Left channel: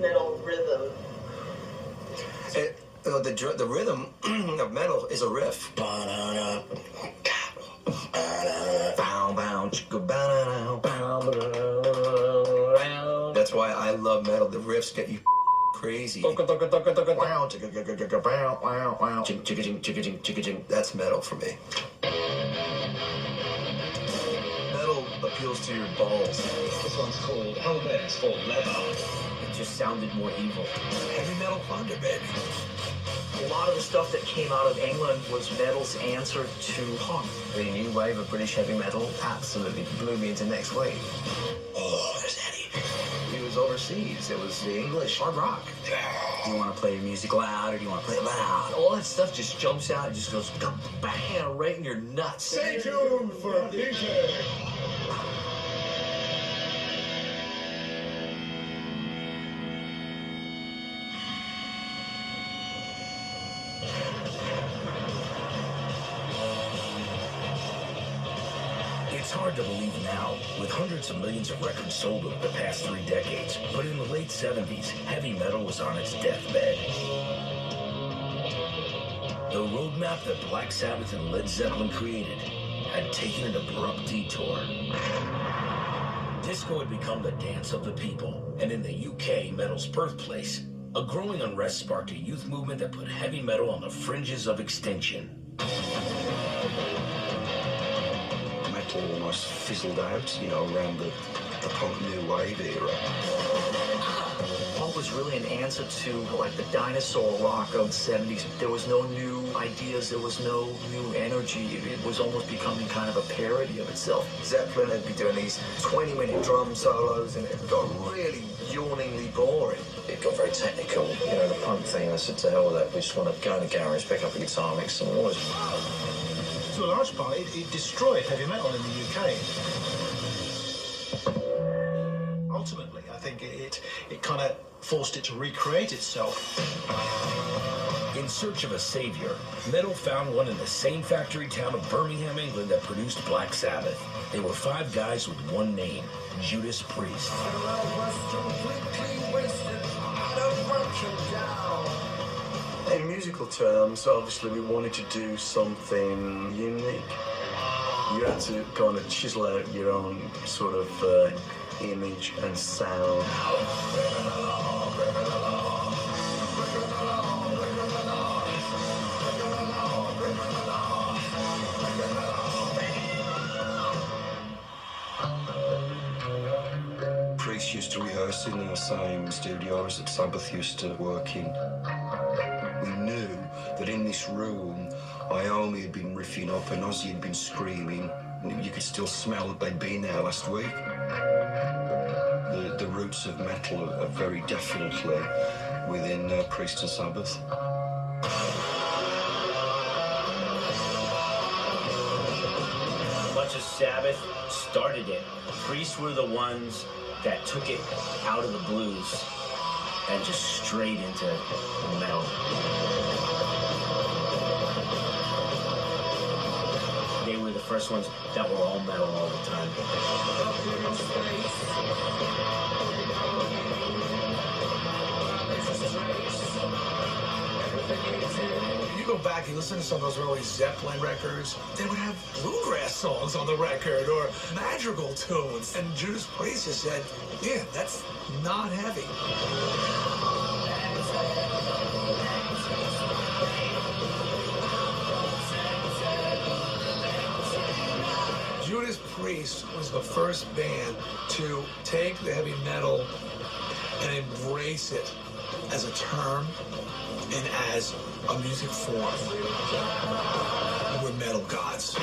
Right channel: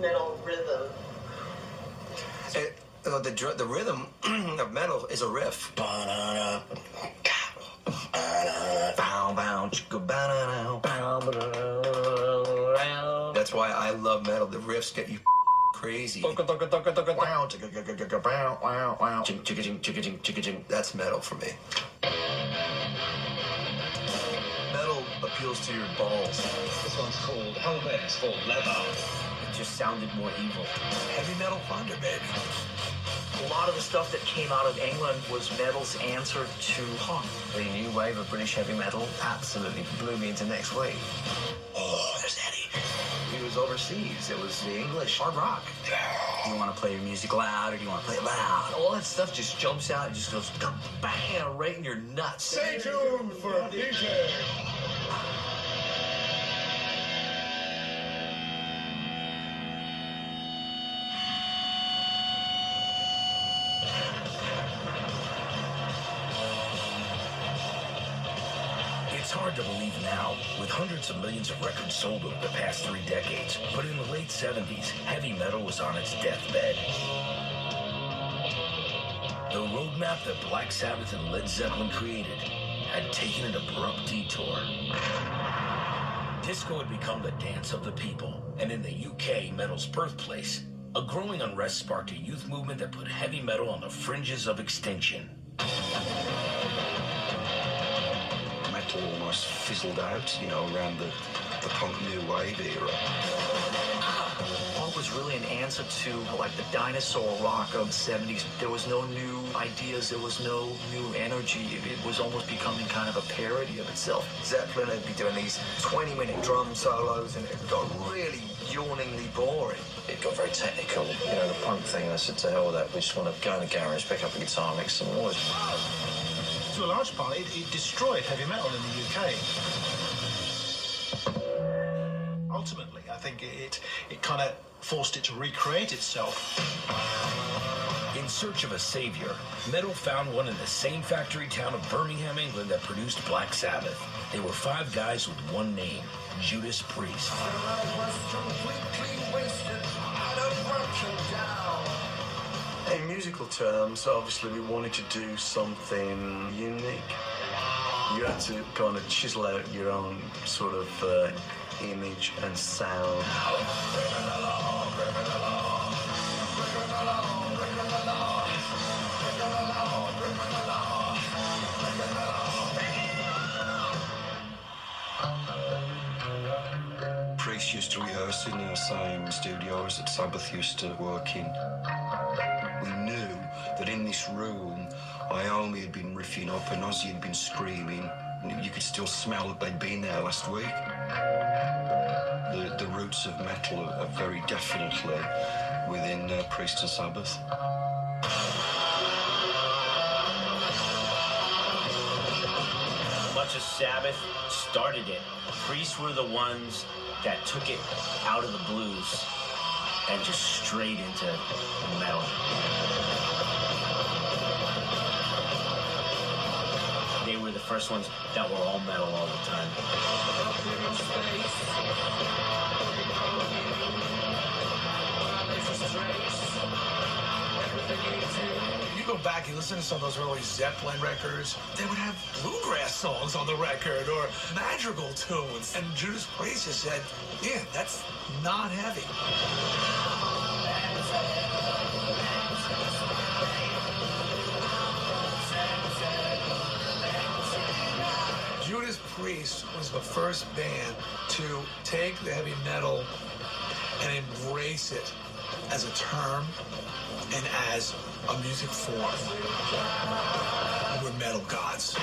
metal rhythm? The rhythm of metal is a riff. That's why I love metal. The riffs get you crazy. That's metal for me. Metal appeals to your balls. This one's called Hellbent's for Leather. It just sounded more evil. Heavy metal thunder, baby. A lot of the stuff that came out of England was metal's answer to punk. The new wave of British heavy metal absolutely blew me into next wave. Oh, there's Eddie. He was overseas. It was the English hard rock. Do you want to play your music loud or do you want to play it loud? All that stuff just jumps out and just goes bang right in your nuts. Stay tuned for a DJ. It's hard to believe now, with hundreds of millions of records sold over the past 3 decades. But in the late 70s, heavy metal was on its deathbed. The roadmap that Black Sabbath and Led Zeppelin created had taken an abrupt detour. Disco had become the dance of the people, and in the UK, metal's birthplace, a growing unrest sparked a youth movement that put heavy metal on the fringes of extinction. Metal almost fizzled out, around the punk new wave era. Punk was really an answer to like the dinosaur rock of the 70s. There was no new ideas, there was no new energy. It was almost becoming kind of a parody of itself. Zeppelin would be doing these 20-minute drum solos, and it got really yawningly boring. It got very technical. The punk thing, I said to hell with that. We just want to go in the garage, pick up a guitar, make some noise. To a large part, it destroyed heavy metal in the UK. Ultimately, I think it kind of forced it to recreate itself. In search of a savior, metal found one in the same factory town of Birmingham, England that produced Black Sabbath. They were 5 guys with one name, Judas Priest. In musical terms, obviously we wanted to do something unique. You had to kind of chisel out your own sort of image and sound. Priest used to rehearse in the same studios that Sabbath used to work in. We knew that in this room, Iommi had been riffing up and Ozzy had been screaming. You could still smell that they'd been there last week. The roots of metal are very definitely within Priest and Sabbath. Much as Sabbath started it, Priests were the ones that took it out of the blues and just straight into metal. They were the first ones that were all metal all the time. You go back and listen to some of those early Zeppelin records, they would have bluegrass songs on the record or madrigal tunes. And Judas Priest has said, yeah, that's not heavy. Judas Priest was the first band to take the heavy metal and embrace it as a term and as a music form. We're metal gods.